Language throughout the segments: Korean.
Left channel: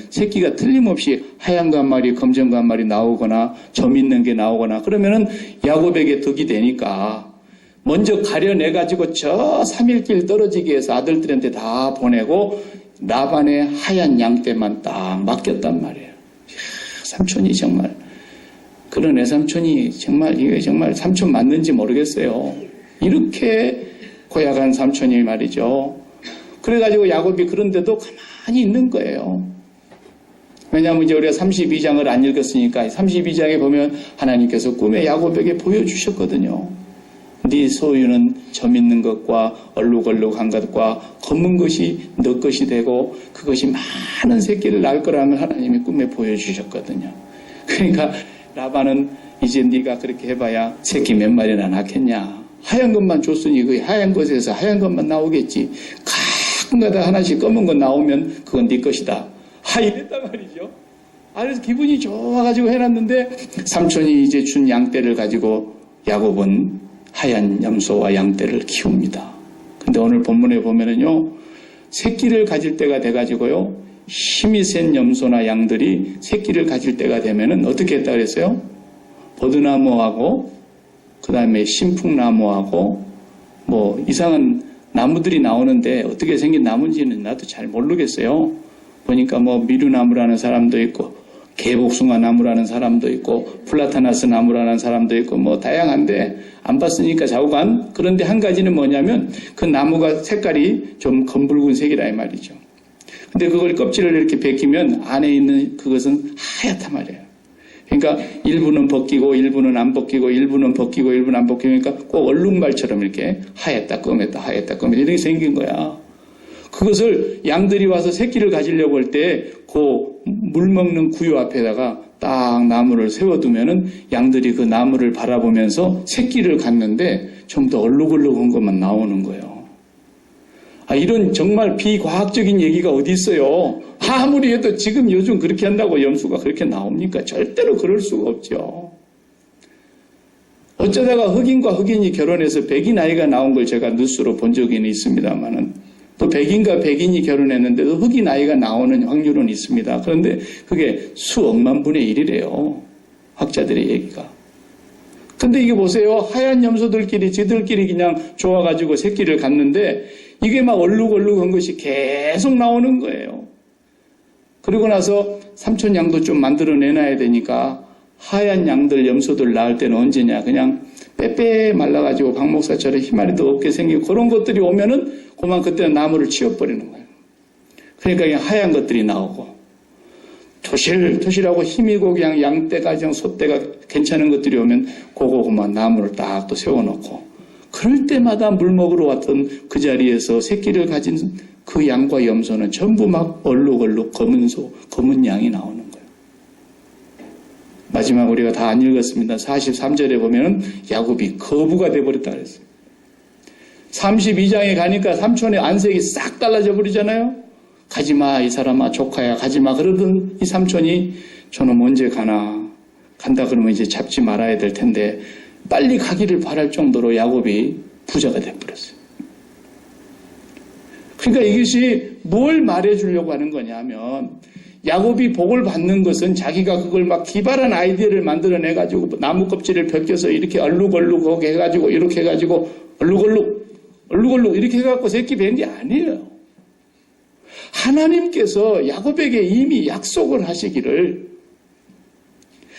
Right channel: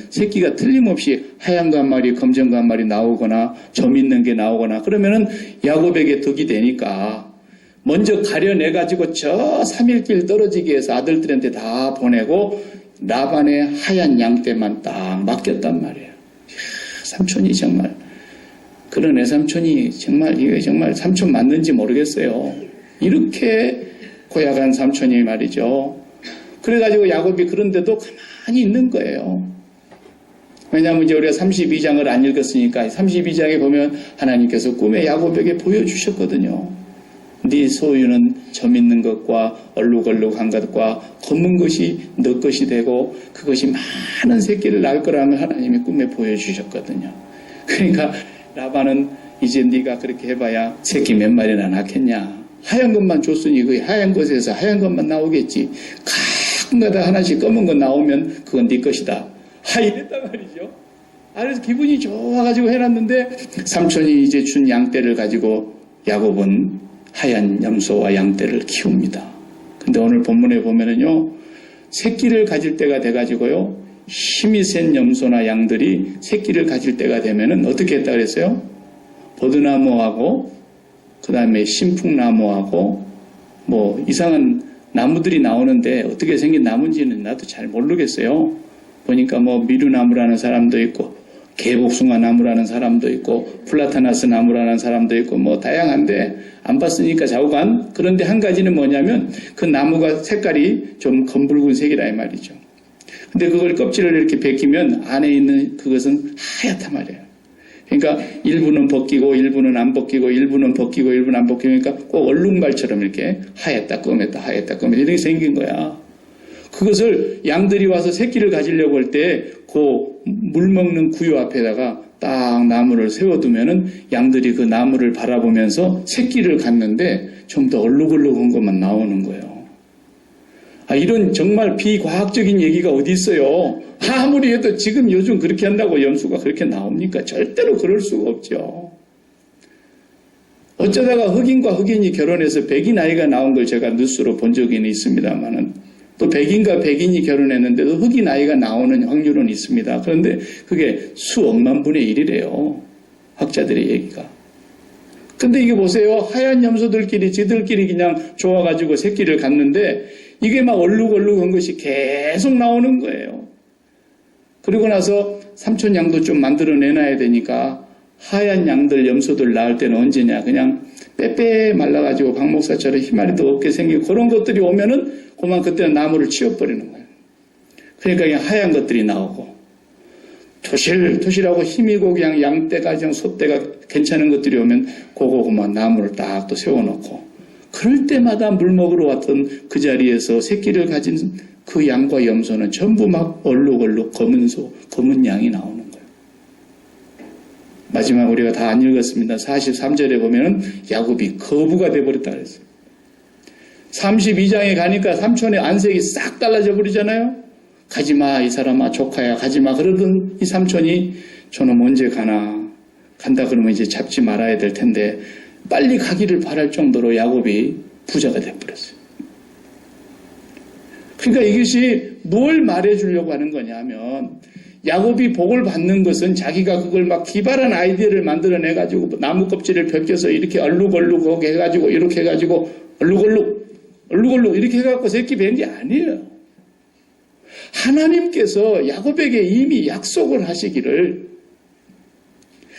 새끼가 틀림없이 하얀 거 한 마리, 검정 거 한 마리 나오거나 점 있는 게 나오거나 그러면은 야곱에게 덕이 되니까 먼저 가려내가지고 저 3일길 떨어지게 해서 아들들한테 다 보내고 라반의 하얀 양떼만 딱 맡겼단 말이에요. 삼촌이 정말 그런 애삼촌이 정말 이게 정말 삼촌 맞는지 모르겠어요. 이렇게 고약한 삼촌이 말이죠. 그래가지고 야곱이 그런데도 가만히 있는 거예요. 왜냐하면 이제 우리가 32장을 안 읽었으니까 32장에 보면 하나님께서 꿈에 야곱에게 보여주셨거든요. 네 소유는 점 있는 것과 얼룩얼룩한 것과 검은 것이 너 것이 되고 그것이 많은 새끼를 낳을 거라는 하나님이 꿈에 보여주셨거든요. 그러니까 라반은 이제 네가 그렇게 해봐야 새끼 몇 마리나 낳겠냐. 하얀 것만 줬으니 그 하얀 것에서 하얀 것만 나오겠지. 가끔가다 하나씩 검은 거 나오면 그건 네 것이다. 이랬단 말이죠. 그래서 기분이 좋아가지고 해놨는데 삼촌이 이제 준 양떼를 가지고 야곱은 하얀 염소와 양떼를 키웁니다. 근데 오늘 본문에 보면은요, 새끼를 가질 때가 돼가지고요, 힘이 센 염소나 양들이 새끼를 가질 때가 되면은 어떻게 했다 그랬어요? 버드나무하고, 그 다음에 신풍나무하고, 뭐, 이상한 나무들이 나오는데 어떻게 생긴 나무인지는 나도 잘 모르겠어요. 보니까 뭐, 미루나무라는 사람도 있고, 개복숭아 나무라는 사람도 있고 플라타나스 나무라는 사람도 있고 뭐 다양한데 안 봤으니까 좌우간. 그런데 한 가지는 뭐냐면 그 나무가 색깔이 좀 검붉은색이라 이 말이죠. 근데 그걸 껍질을 이렇게 벗기면 안에 있는 그것은 하얗단 말이에요. 그러니까 일부는 벗기고 일부는 안 벗기고 일부는 벗기고 일부는 안 벗기니까 꼭 얼룩말처럼 이렇게 하얗다 검했다 하얗다 검했다 이렇게 생긴 거야. 그것을 양들이 와서 새끼를 가지려고 할 때 그 물 먹는 구유 앞에다가 딱 나무를 세워두면은 양들이 그 나무를 바라보면서 새끼를 갖는데 좀 더 얼룩얼룩한 것만 나오는 거예요. 이런 정말 비과학적인 얘기가 어디 있어요. 아무리 해도 지금 요즘 그렇게 한다고 염소가 그렇게 나옵니까? 절대로 그럴 수가 없죠. 어쩌다가 흑인과 흑인이 결혼해서 백인 아이가 나온 걸 제가 뉴스로 본 적이 있습니다만은 또 백인과 백인이 결혼했는데도 흑인 아이가 나오는 확률은 있습니다. 그런데 그게 수억만 분의 1이래요. 학자들의 얘기가. 근데 이게 보세요. 하얀 염소들끼리 지들끼리 그냥 좋아가지고 새끼를 갖는데 이게 막 얼룩얼룩한 것이 계속 나오는 거예요. 그리고 나서 삼촌 양도 좀 만들어내놔야 되니까 하얀 양들 염소들 낳을 때는 언제냐. 그냥 빼빼 말라가지고 박 목사처럼 희마리도 없게 생기고 그런 것들이 오면은 그만 그때는 나무를 치워버리는 거예요. 그러니까 그냥 하얀 것들이 나오고 토실토실하고 힘이고 그냥 양떼가 그냥 소떼가 괜찮은 것들이 오면 그만 나무를 딱 또 세워놓고 그럴 때마다 물 먹으러 왔던 그 자리에서 새끼를 가진 그 양과 염소는 전부 막 얼룩얼룩 검은 양이 나오는 거예요. 마지막 우리가 다 안 읽었습니다. 43절에 보면은 야곱이 거부가 돼버렸다 그랬어요. 32장에 가니까 삼촌의 안색이 싹 달라져 버리잖아요. 가지마 이 사람아 조카야 가지마 그러던 이 삼촌이 저놈 언제 가나 간다 그러면 이제 잡지 말아야 될 텐데 빨리 가기를 바랄 정도로 야곱이 부자가 돼버렸어요. 그러니까 이것이 뭘 말해주려고 하는 거냐면 야곱이 복을 받는 것은 자기가 그걸 막 기발한 아이디어를 만들어내가지고 나무 껍질을 벗겨서 이렇게 얼룩얼룩하게 해가지고 이렇게 해가지고 얼룩얼룩 이렇게 해갖고 새끼 뵌 게 아니에요. 하나님께서 야곱에게 이미 약속을 하시기를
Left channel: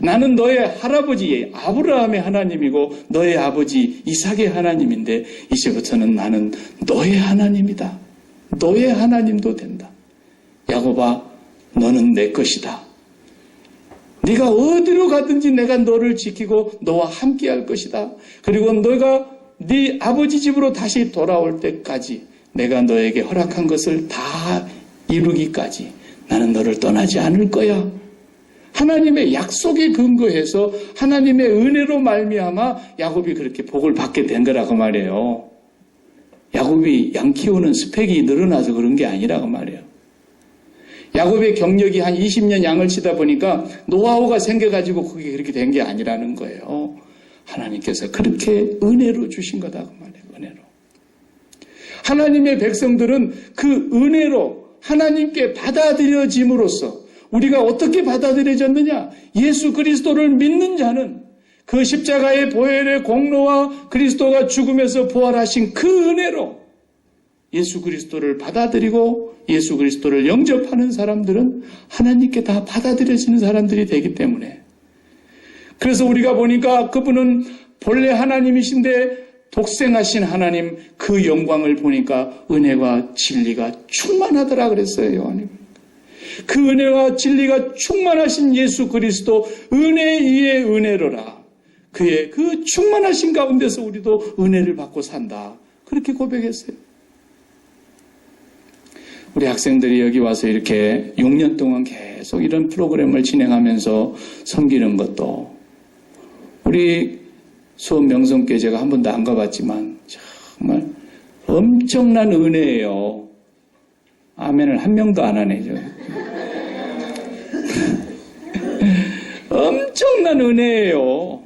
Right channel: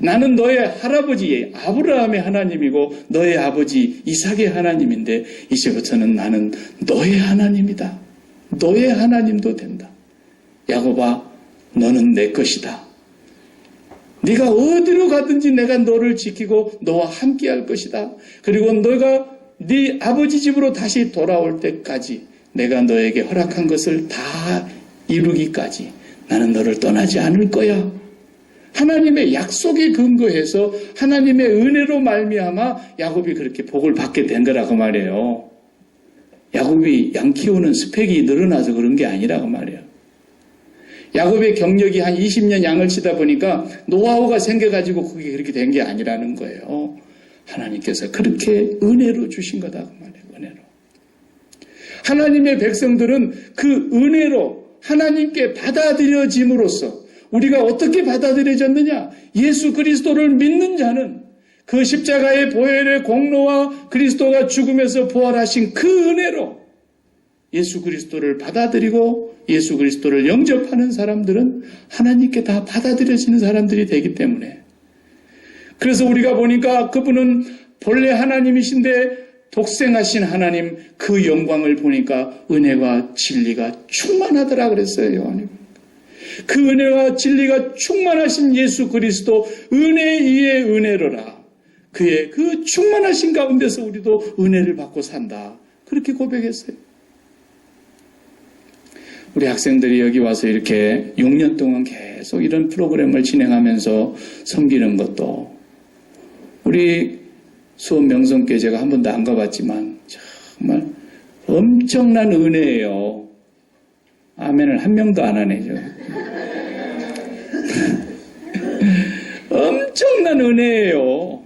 나는 너의 할아버지 아브라함의 하나님이고 너의 아버지 이삭의 하나님인데 이제부터는 나는 너의 하나님이다. 너의 하나님도 된다. 야곱아 너는 내 것이다. 네가 어디로 가든지 내가 너를 지키고 너와 함께 할 것이다. 그리고 너가 네 아버지 집으로 다시 돌아올 때까지 내가 너에게 허락한 것을 다 이루기까지 나는 너를 떠나지 않을 거야. 하나님의 약속에 근거해서 하나님의 은혜로 말미암아 야곱이 그렇게 복을 받게 된 거라고 말이에요. 야곱이 양 키우는 스펙이 늘어나서 그런 게 아니라고 말이에요. 야곱의 경력이 한 20년 양을 치다 보니까 노하우가 생겨가지고 그게 그렇게 된 게 아니라는 거예요. 하나님께서 그렇게 은혜로 주신 거다 그 말이에요. 은혜로. 하나님의 백성들은 그 은혜로 하나님께 받아들여짐으로써 우리가 어떻게 받아들여졌느냐? 예수 그리스도를 믿는 자는 그 십자가의 보혈의 공로와 그리스도가 죽으면서 부활하신 그 은혜로 예수 그리스도를 받아들이고 예수 그리스도를 영접하는 사람들은 하나님께 다 받아들여지는 사람들이 되기 때문에, 그래서 우리가 보니까 그분은 본래 하나님이신데 독생하신 하나님 그 영광을 보니까 은혜와 진리가 충만하더라 그랬어요. 요한이. 그 은혜와 진리가 충만하신 예수 그리스도 은혜 위에 은혜로라. 그의 그 충만하신 가운데서 우리도 은혜를 받고 산다. 그렇게 고백했어요. 우리 학생들이 여기 와서 이렇게 6년 동안 계속 이런 프로그램을 진행하면서 섬기는 것도, 우리 수원 명성교회 제가 한 번도 안 가봤지만 정말 엄청난 은혜예요. 아멘을 한 명도 안 하네요. 엄청난 은혜예요.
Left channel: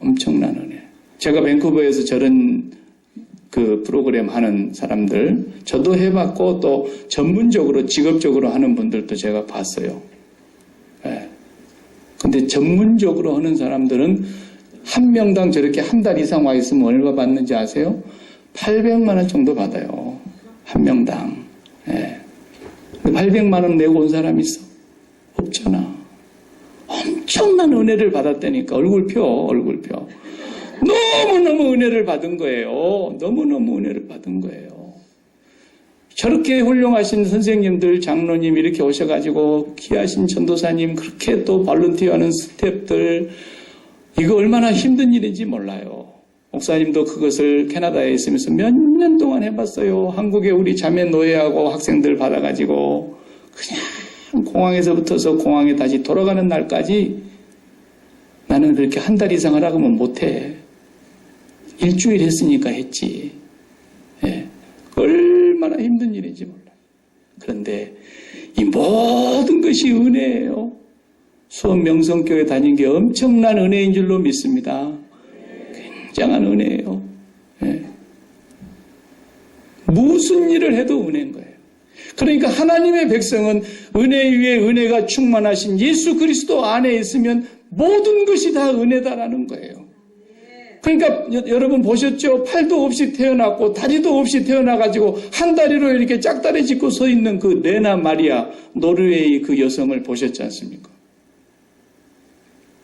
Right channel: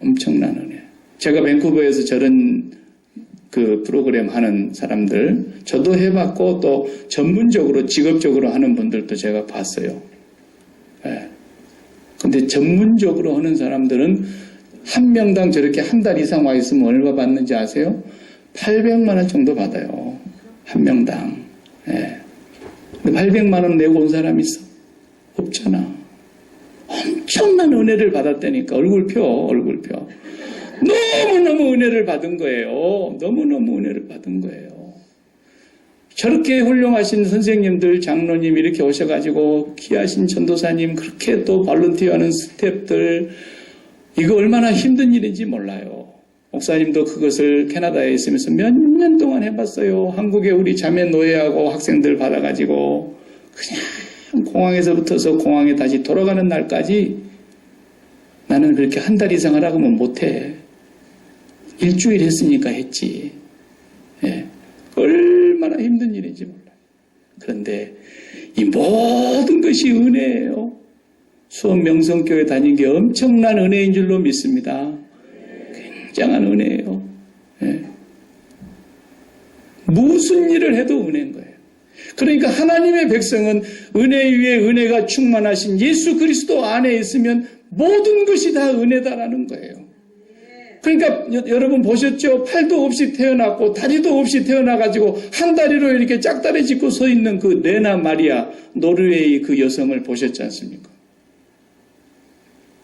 엄청난 은혜. 제가 밴쿠버에서 저런 그 프로그램 하는 사람들 저도 해봤고 또 전문적으로 직업적으로 하는 분들도 제가 봤어요. 예. 근데 전문적으로 하는 사람들은 한 명당 저렇게 한 달 이상 와 있으면 얼마 받는지 아세요? 800만 원 정도 받아요. 한 명당. 예. 근데 800만 원 내고 온 사람 있어? 없잖아. 엄청난 은혜를 받았다니까. 얼굴 펴. 너무너무 은혜를 받은 거예요. 너무너무 은혜를 받은 거예요. 저렇게 훌륭하신 선생님들, 장로님 이렇게 오셔가지고 귀하신 전도사님, 그렇게 또 발런티어하는 스태프들, 이거 얼마나 힘든 일인지 몰라요. 목사님도 그것을 캐나다에 있으면서 몇 년 동안 해봤어요. 한국에 우리 자매 노예하고 학생들 받아가지고 그냥 공항에서 붙어서 공항에 다시 돌아가는 날까지 나는 그렇게 한 달 이상 하라고 하면 못해. 일주일 했으니까 했지. 예. 얼마나 힘든 일인지 몰라요. 그런데 이 모든 것이 은혜예요. 수원 명성교회 다닌 게 엄청난 은혜인 줄로 믿습니다. 굉장한 은혜예요. 예. 무슨 일을 해도 은혜인 거예요. 그러니까 하나님의 백성은 은혜 위에 은혜가 충만하신 예수 그리스도 안에 있으면 모든 것이 다 은혜다라는 거예요. 그러니까 여러분 보셨죠? 팔도 없이 태어났고 다리도 없이 태어나가지고 한 다리로 이렇게 짝다리 짚고 서 있는 그 레나 마리아, 노르웨이 그 여성을 보셨지 않습니까?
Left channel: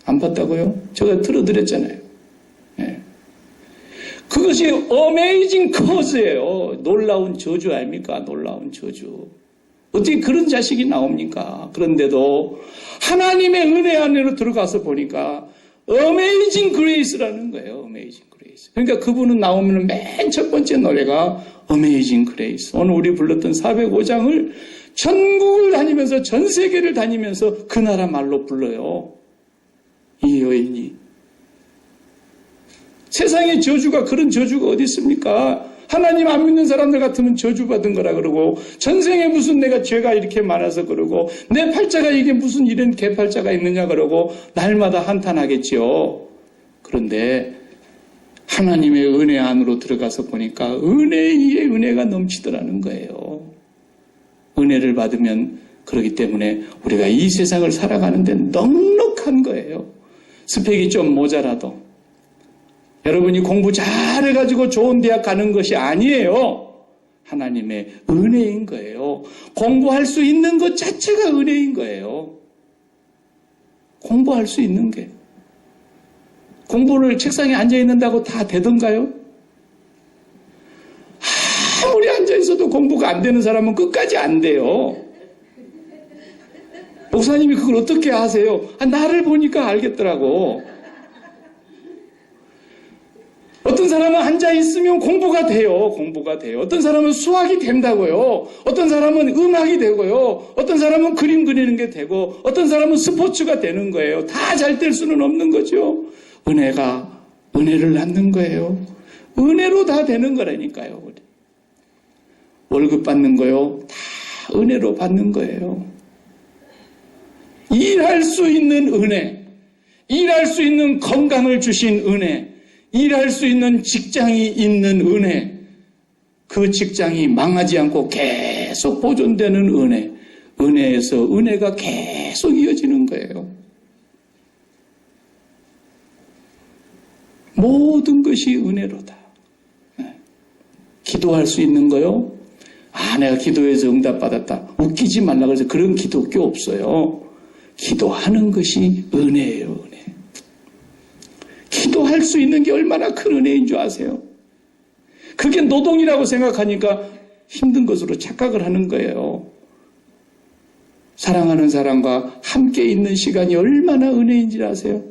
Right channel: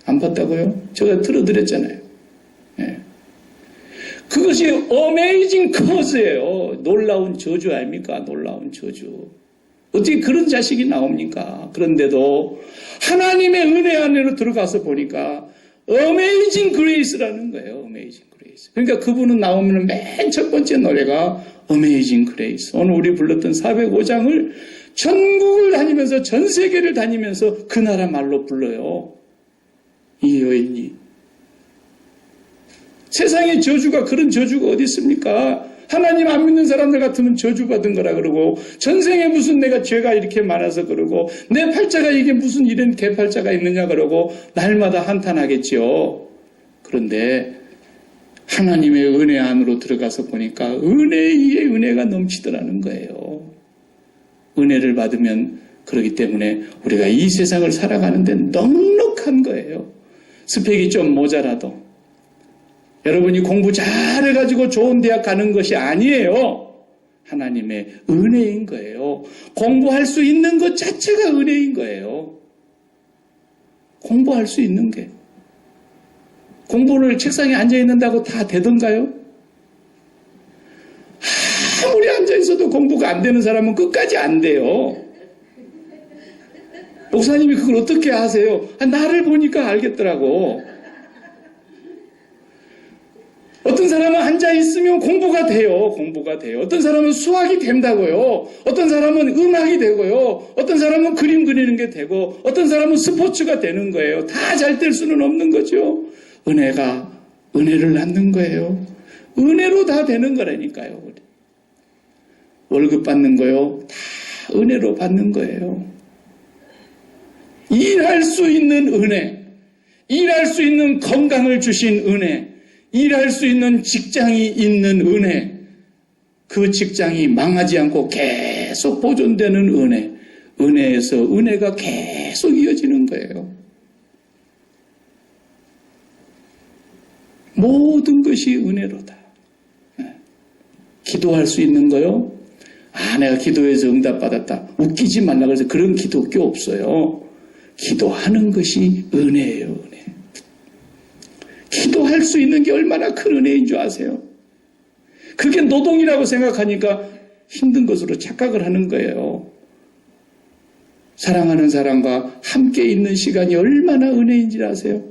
안 봤다고요? 제가 틀어드렸잖아요. 네. 그것이 어메이징 커즈예요. 놀라운 저주 아닙니까? 놀라운 저주. 어떻게 그런 자식이 나옵니까? 그런데도 하나님의 은혜 안으로 들어가서 보니까 어메이징 그레이스라는 거예요. 어메이징 그레이스. 그러니까 그분은 나오면 맨 첫 번째 노래가 어메이징 그레이스. 오늘 우리 불렀던 405장을 전국을 다니면서 전 세계를 다니면서 그 나라 말로 불러요. 이 여인이. 세상에 저주가, 그런 저주가 어디 있습니까? 하나님 안 믿는 사람들 같으면 저주받은 거라 그러고, 전생에 무슨 내가 죄가 이렇게 많아서 그러고, 내 팔자가 이게 무슨 이런 개팔자가 있느냐 그러고 날마다 한탄하겠지요. 그런데 하나님의 은혜 안으로 들어가서 보니까 은혜 위에 은혜가 넘치더라는 거예요. 은혜를 받으면 그렇기 때문에 우리가 이 세상을 살아가는데 넉넉한 거예요. 스펙이 좀 모자라도 여러분이 공부 잘해가지고 좋은 대학 가는 것이 아니에요. 하나님의 은혜인 거예요. 공부할 수 있는 것 자체가 은혜인 거예요. 공부할 수 있는 게. 공부를 책상에 앉아있는다고 다 되던가요? 아무리 앉아있어도 공부가 안 되는 사람은 끝까지 안 돼요. 목사님이 그걸 어떻게 아세요? 나를 보니까 알겠더라고. 어떤 사람은 앉아있으면 공부가 돼요. 공부가 돼요. 어떤 사람은 수학이 된다고요. 어떤 사람은 음악이 되고요. 어떤 사람은 그림 그리는 게 되고, 어떤 사람은 스포츠가 되는 거예요. 다 잘 될 수는 없는 거죠. 은혜가 은혜를 낳는 거예요. 은혜로 다 되는 거라니까요. 월급 받는 거요. 다 은혜로 받는 거예요. 일할 수 있는 은혜, 일할 수 있는 건강을 주신 은혜, 일할 수 있는 직장이 있는 은혜, 그 직장이 망하지 않고 계속 보존되는 은혜, 은혜에서 은혜가 계속 이어지는 거예요. 모든 것이 은혜로다. 기도할 수 있는 거요? 내가 기도해서 응답받았다. 웃기지 말라 그래서 그런 기독교 없어요. 기도하는 것이 은혜예요, 은혜. 기도할 수 있는 게 얼마나 큰 은혜인 줄 아세요? 그게 노동이라고 생각하니까 힘든 것으로 착각을 하는 거예요. 사랑하는 사람과 함께 있는 시간이 얼마나 은혜인지 아세요?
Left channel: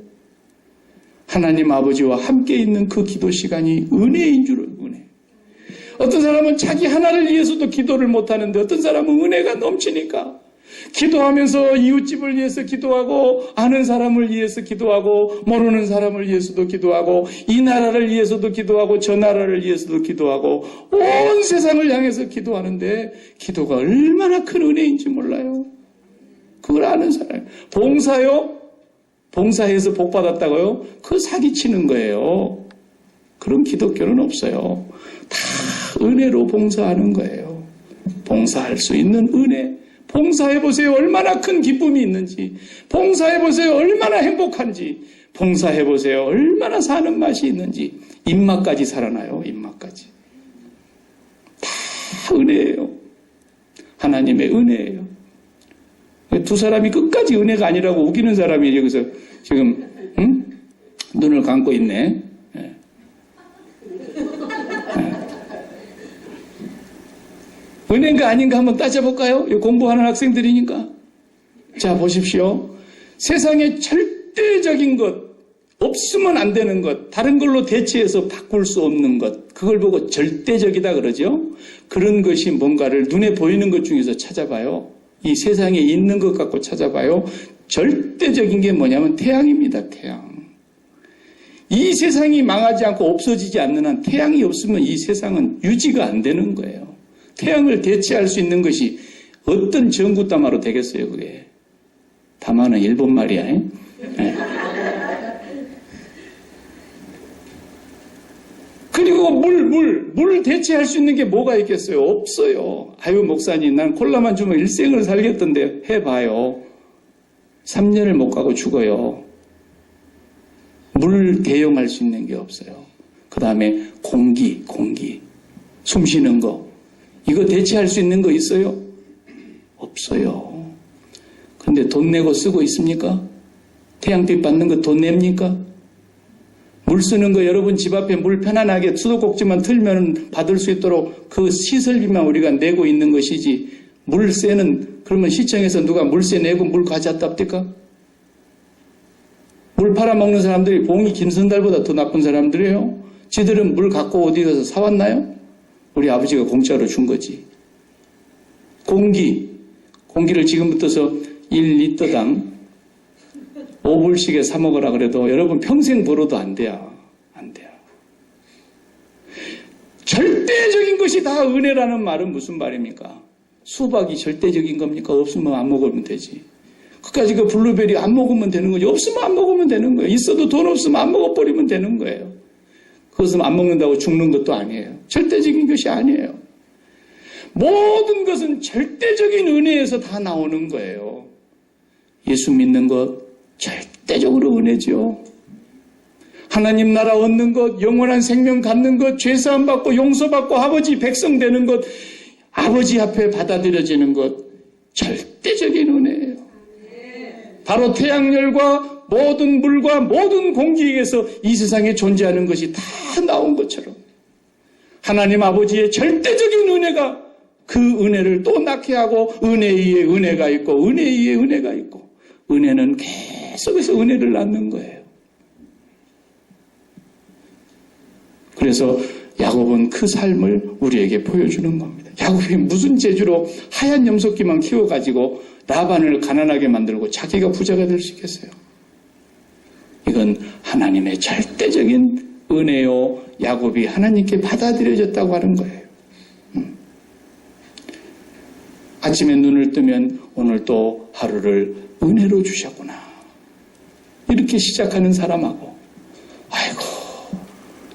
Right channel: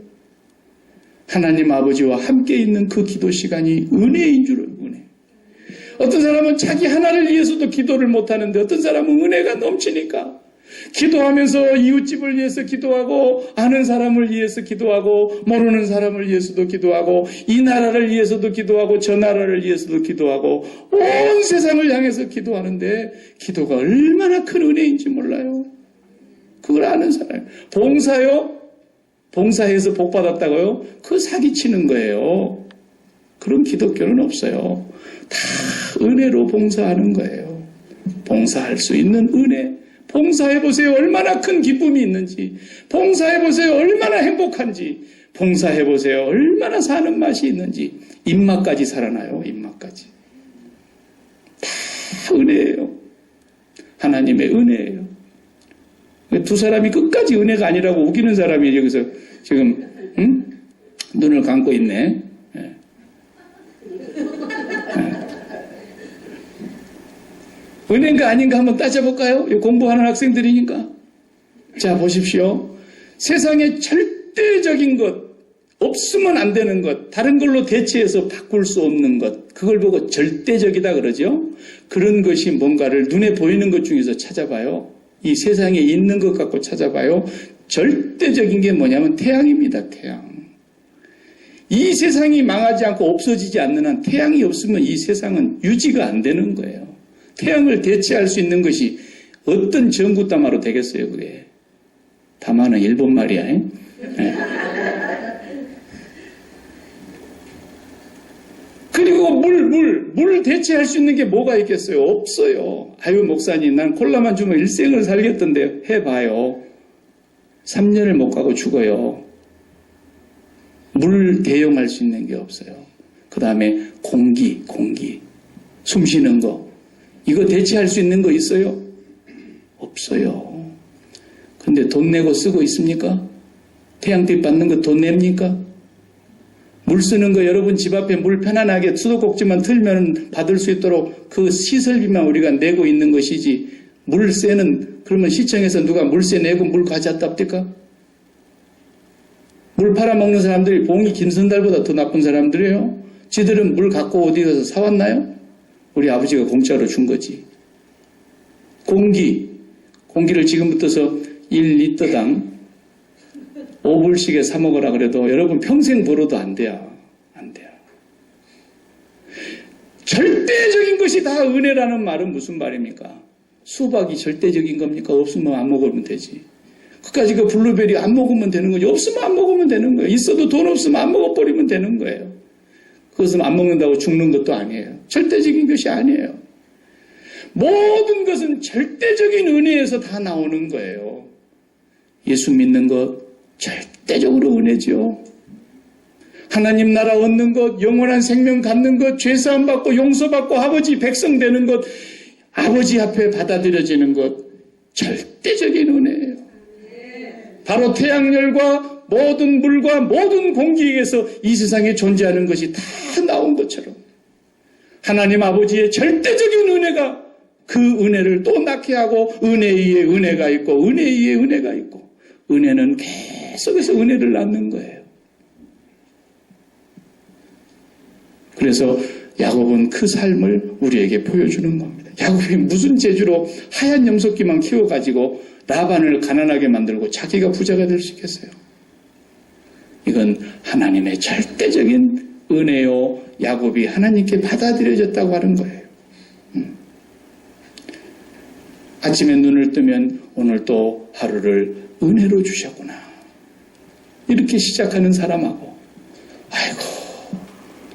하나님 아버지와 함께 있는 그 기도 시간이 은혜인 줄 은혜. 어떤 사람은 자기 하나를 위해서도 기도를 못하는데 어떤 사람은 은혜가 넘치니까 기도하면서 이웃집을 위해서 기도하고 아는 사람을 위해서 기도하고 모르는 사람을 위해서도 기도하고 이 나라를 위해서도 기도하고 저 나라를 위해서도 기도하고 온 세상을 향해서 기도하는데 기도가 얼마나 큰 은혜인지 몰라요. 그걸 아는 사람. 봉사요? 봉사해서 복 받았다고요? 그거 사기치는 거예요. 그런 기독교는 없어요. 다 은혜로 봉사하는 거예요. 봉사할 수 있는 은혜. 봉사해보세요. 얼마나 큰 기쁨이 있는지. 봉사해보세요. 얼마나 행복한지. 봉사해보세요. 얼마나 사는 맛이 있는지. 입맛까지 살아나요. 입맛까지. 다 은혜예요. 하나님의 은혜예요. 두 사람이 끝까지 은혜가 아니라고 우기는 사람이 여기서 지금 눈을 감고 있네. 네. 은혜인가 아닌가 한번 따져볼까요? 공부하는 학생들이니까. 자, 보십시오. 세상에 절대적인 것, 없으면 안 되는 것, 다른 걸로 대체해서 바꿀 수 없는 것, 그걸 보고 절대적이다 그러죠? 그런 것이 뭔가를 눈에 보이는 것 중에서 찾아봐요. 이 세상에 있는 것 갖고 찾아봐요. 절대적인 게 뭐냐면 태양입니다. 태양. 이 세상이 망하지 않고 없어지지 않는 한 태양이 없으면 이 세상은 유지가 안 되는 거예요. 태양을 대체할 수 있는 것이 어떤 전구다마로 되겠어요, 그게. 다마는 일본 말이야. 네. 그리고 물 대체할 수 있는 게 뭐가 있겠어요? 없어요. 아유, 목사님, 난 콜라만 주면 일생을 살겠던데 해봐요. 3년을 못 가고 죽어요. 물 대용할 수 있는 게 없어요. 그 다음에 공기. 숨 쉬는 거. 이거 대체할 수 있는 거 있어요? 없어요. 근데 돈 내고 쓰고 있습니까? 태양빛 받는 거 돈 냅니까? 물 쓰는 거 여러분 집 앞에 물 편안하게 수도꼭지만 틀면 받을 수 있도록 그 시설비만 우리가 내고 있는 것이지 물세는 그러면 시청에서 누가 물세 내고 물 가져왔답니까? 물 팔아먹는 사람들이 봉이 김선달보다 더 나쁜 사람들이에요. 지들은 물 갖고 어디 가서 사왔나요? 우리 아버지가 공짜로 준 거지. 공기를 지금부터서 1리터당 5불씩에 사 먹으라 그래도 여러분 평생 벌어도 안 돼요. 안 돼요. 절대적인 것이 다 은혜라는 말은 무슨 말입니까? 수박이 절대적인 겁니까? 없으면 안 먹으면 되지. 그까지 그 블루베리 안 먹으면 되는 거지. 없으면 안 먹으면 되는 거예요. 있어도 돈 없으면 안 먹어버리면 되는 거예요. 그것은 안 먹는다고 죽는 것도 아니에요. 절대적인 것이 아니에요. 모든 것은 절대적인 은혜에서 다 나오는 거예요. 예수 믿는 것 절대적으로 은혜죠. 하나님 나라 얻는 것, 영원한 생명 갖는 것, 죄사함 받고 용서받고 아버지 백성 되는 것, 아버지 앞에 받아들여지는 것 절대적인 은혜예요. 바로 태양열과 모든 물과 모든 공기에서 이 세상에 존재하는 것이 다 나온 것처럼 하나님 아버지의 절대적인 은혜가 그 은혜를 또 낳게 하고 은혜 위에 은혜가 있고 은혜 위에 은혜가 있고 은혜는 계속해서 은혜를 낳는 거예요. 그래서 야곱은 그 삶을 우리에게 보여주는 겁니다. 야곱이 무슨 재주로 하얀 염소끼만 키워가지고 라반을 가난하게 만들고 자기가 부자가 될 수 있겠어요? 이건 하나님의 절대적인 은혜요. 야곱이 하나님께 받아들여졌다고 하는 거예요. 아침에 눈을 뜨면 오늘 또 하루를 은혜로 주셨구나. 이렇게 시작하는 사람하고 아이고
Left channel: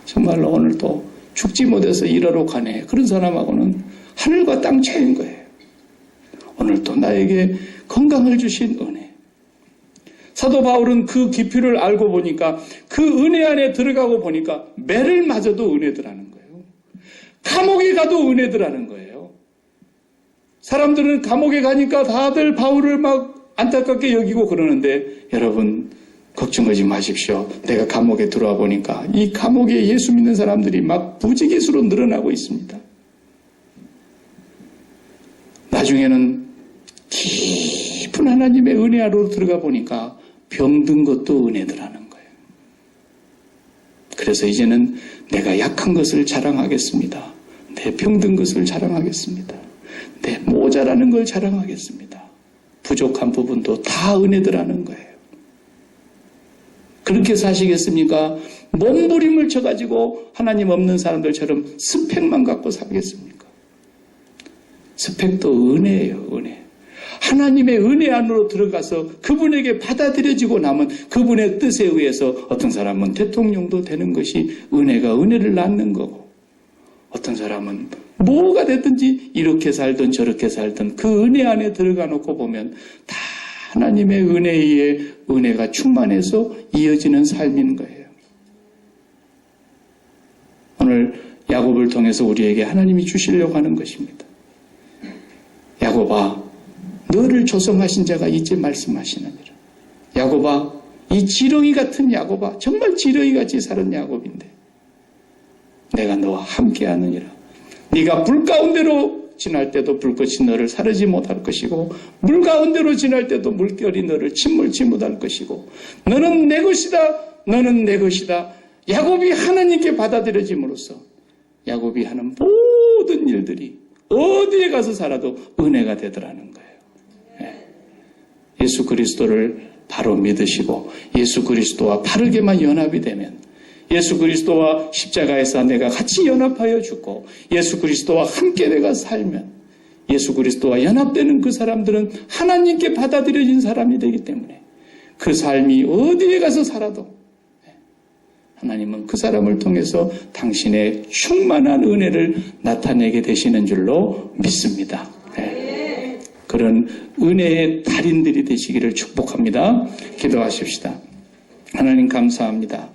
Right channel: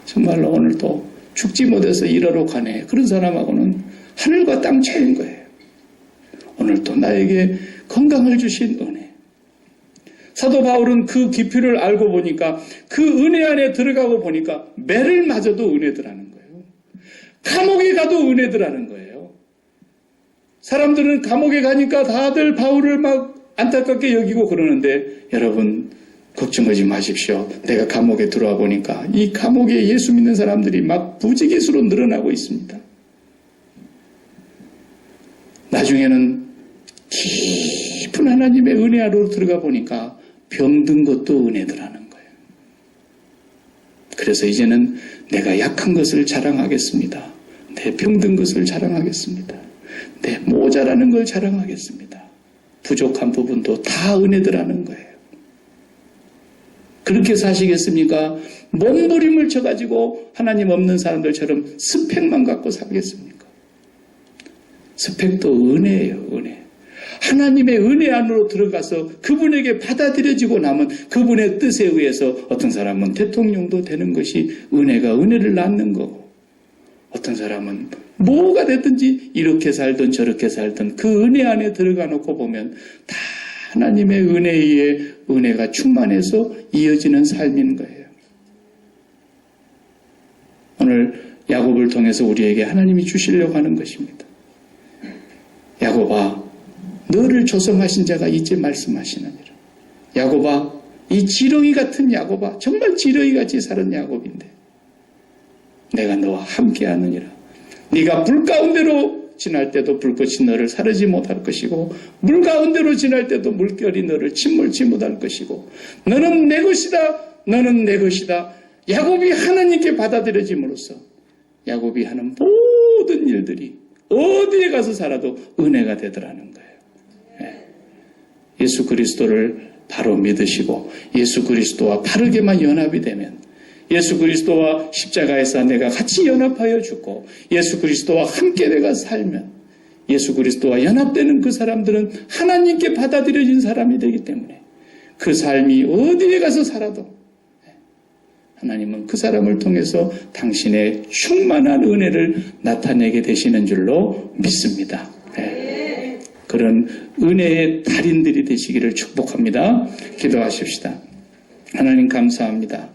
정말로 오늘 또 죽지 못해서 일하러 가네. 그런 사람하고는 하늘과 땅 차이인 거예요. 오늘도 나에게 건강을 주신 은혜. 사도 바울은 그 깊이를 알고 보니까 그 은혜 안에 들어가고 보니까 매를 맞아도 은혜더라는 거예요. 감옥에 가도 은혜더라는 거예요. 사람들은 감옥에 가니까 다들 바울을 막 안타깝게 여기고 그러는데 여러분 걱정하지 마십시오. 내가 감옥에 들어와 보니까 이 감옥에 예수 믿는 사람들이 막 부지기수로 늘어나고 있습니다. 나중에는 깊은 하나님의 은혜 아래로 들어가 보니까 병든 것도 은혜더라는 거예요. 그래서 이제는 내가 약한 것을 자랑하겠습니다. 내 병든 것을 자랑하겠습니다. 내 모자라는 걸 자랑하겠습니다. 부족한 부분도 다 은혜더라는 거예요. 그렇게 사시겠습니까? 몸부림을 쳐가지고 하나님 없는 사람들처럼 스펙만 갖고 살겠습니까? 스펙도 은혜예요, 은혜. 하나님의 은혜 안으로 들어가서 그분에게 받아들여지고 나면 그분의 뜻에 의해서 어떤 사람은 대통령도 되는 것이 은혜가 은혜를 낳는 거고, 어떤 사람은 뭐가 됐든지 이렇게 살든 저렇게 살든 그 은혜 안에 들어가 놓고 보면 다 하나님의 은혜에 의해 은혜가 충만해서 이어지는 삶인 거예요. 오늘 야곱을 통해서 우리에게 하나님이 주시려고 하는 것입니다. 야곱아, 너를 조성하신 자가 이제 말씀하시느니라. 야곱아, 이 지렁이 같은 야곱아, 정말 지렁이같이 사는 야곱인데 내가 너와 함께하느니라. 네가 불 가운데로 지날 때도 불꽃이 너를 사르지 못할 것이고 물 가운데로 지날 때도 물결이 너를 침몰치 못할 것이고 너는 내 것이다. 너는 내 것이다. 야곱이 하나님께 받아들여짐으로써 야곱이 하는 모든 일들이 어디에 가서 살아도 은혜가 되더라는 거예요. 예수 그리스도를 바로 믿으시고 예수 그리스도와 바르게만 연합이 되면 예수 그리스도와 십자가에서 내가 같이 연합하여 죽고 예수 그리스도와 함께 내가 살면 예수 그리스도와 연합되는 그 사람들은 하나님께 받아들여진 사람이 되기 때문에 그 삶이 어디에 가서 살아도 하나님은 그 사람을 통해서 당신의 충만한 은혜를 나타내게 되시는 줄로 믿습니다. 네. 그런 은혜의 달인들이 되시기를 축복합니다. 기도하십시다. 하나님 감사합니다.